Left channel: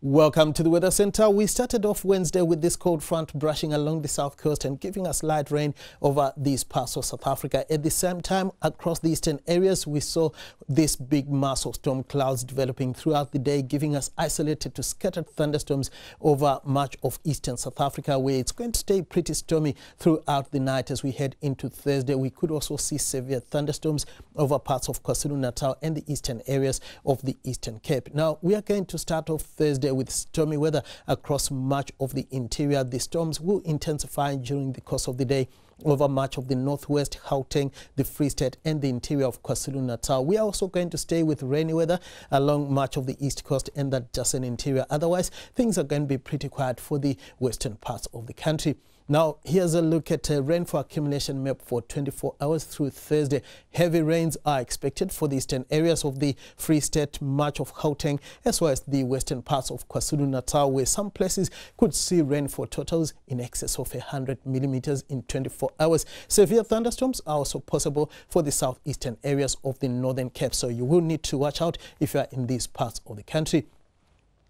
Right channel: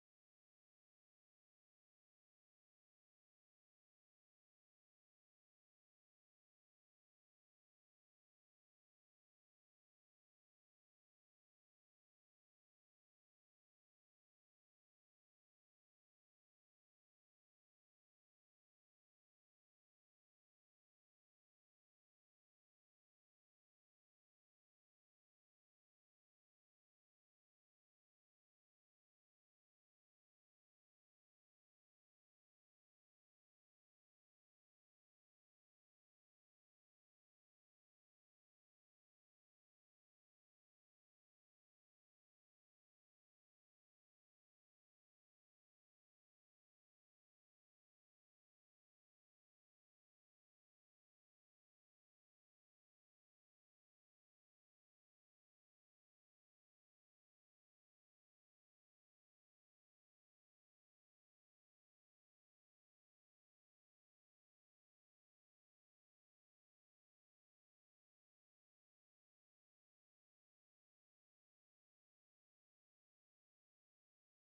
Welcome to the Weather Center. We started off Wednesday with this cold front brushing along the south coast and giving us light rain over these parts of South Africa. At the same time, across the eastern areas, we saw this big mass of storm clouds developing throughout the day, giving us isolated to scattered thunderstorms over much of eastern South Africa, where it's going to stay pretty stormy throughout the night as we head into Thursday. We could also see severe thunderstorms over parts of KwaZulu-Natal and the eastern areas of the Eastern Cape. Now, we are going to start off Thursday with stormy weather across much of the interior. The storms will intensify during the course of the day over much of the northwest, Gauteng, the Free State and the interior of KwaZulu-Natal. We are also going to stay with rainy weather along much of the east coast and the adjacent interior. Otherwise, things are going to be pretty quiet for the western parts of the country. Now, here's a look at rainfall accumulation map for 24 hours through Thursday. Heavy rains are expected for the eastern areas of the Free State, much of Gauteng, as well as the western parts of KwaZulu-Natal, where some places could see rainfall totals in excess of 100 millimeters in 24 hours. Severe thunderstorms are also possible for the southeastern areas of the Northern Cape, so you will need to watch out if you are in these parts of the country.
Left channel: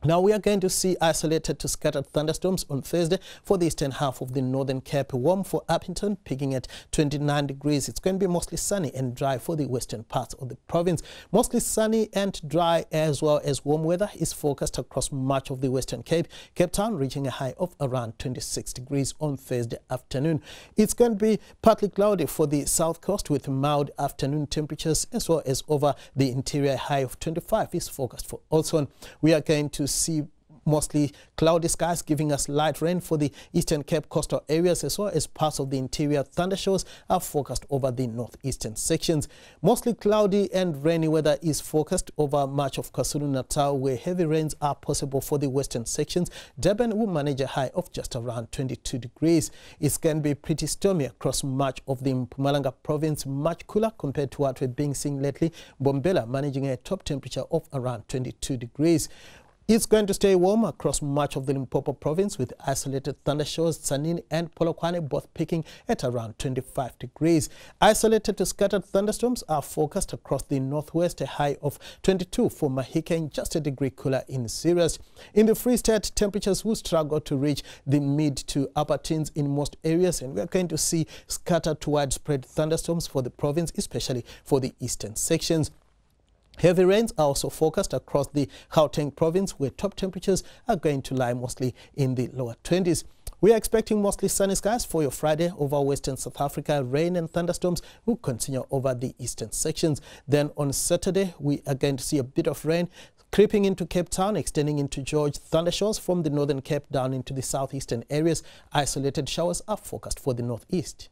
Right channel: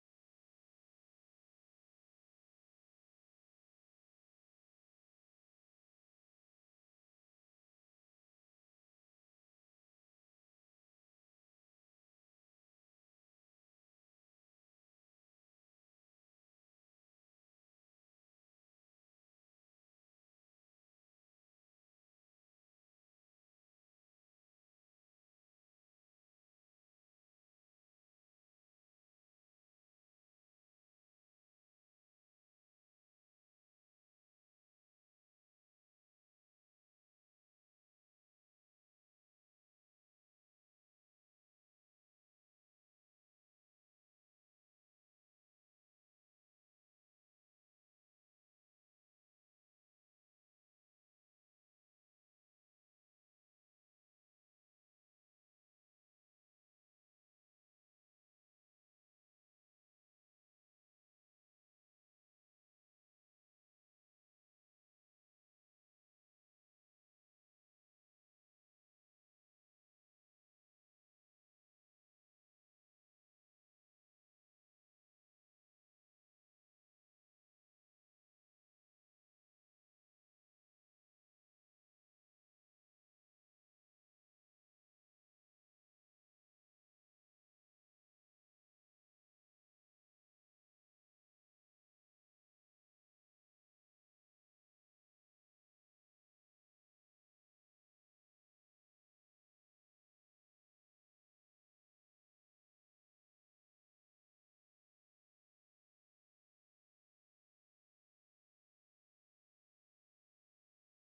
Now, we are going to see isolated to scattered thunderstorms on Thursday for the eastern half of the Northern Cape. Warm for Upington, peaking at 29 degrees. It's going to be mostly sunny and dry for the western parts of the province. Mostly sunny and dry, as well as warm weather is forecast across much of the Western Cape. Cape Town reaching a high of around 26 degrees on Thursday afternoon. It's going to be partly cloudy for the south coast with mild afternoon temperatures, as well as over the interior. High of 25 is forecast for Olson. We are going to see mostly cloudy skies giving us light rain for the Eastern Cape coastal areas, as well as parts of the interior. Thundershowers are forecast over the northeastern sections. Mostly cloudy and rainy weather is forecast over much of KwaZulu-Natal, where heavy rains are possible for the western sections. Durban will manage a high of just around 22 degrees. It's going to be pretty stormy across much of the Mpumalanga province, much cooler compared to what we've been seeing lately. Bombela managing a top temperature of around 22 degrees. It's going to stay warm across much of the Limpopo province with isolated thundershowers. Tzaneen and Polokwane both peaking at around 25 degrees. Isolated to scattered thunderstorms are forecast across the northwest, a high of 22 for Mahikeng, just a degree cooler in Sirius. In the Free State, temperatures will struggle to reach the mid to upper teens in most areas, and we're going to see scattered to widespread thunderstorms for the province, especially for the eastern sections. Heavy rains are also forecast across the Gauteng province, where top temperatures are going to lie mostly in the lower 20s. We are expecting mostly sunny skies for your Friday over western South Africa. Rain and thunderstorms will continue over the eastern sections. Then on Saturday, we are going to see a bit of rain creeping into Cape Town, extending into George. Thundershowers from the Northern Cape down into the southeastern areas. Isolated showers are forecast for the northeast.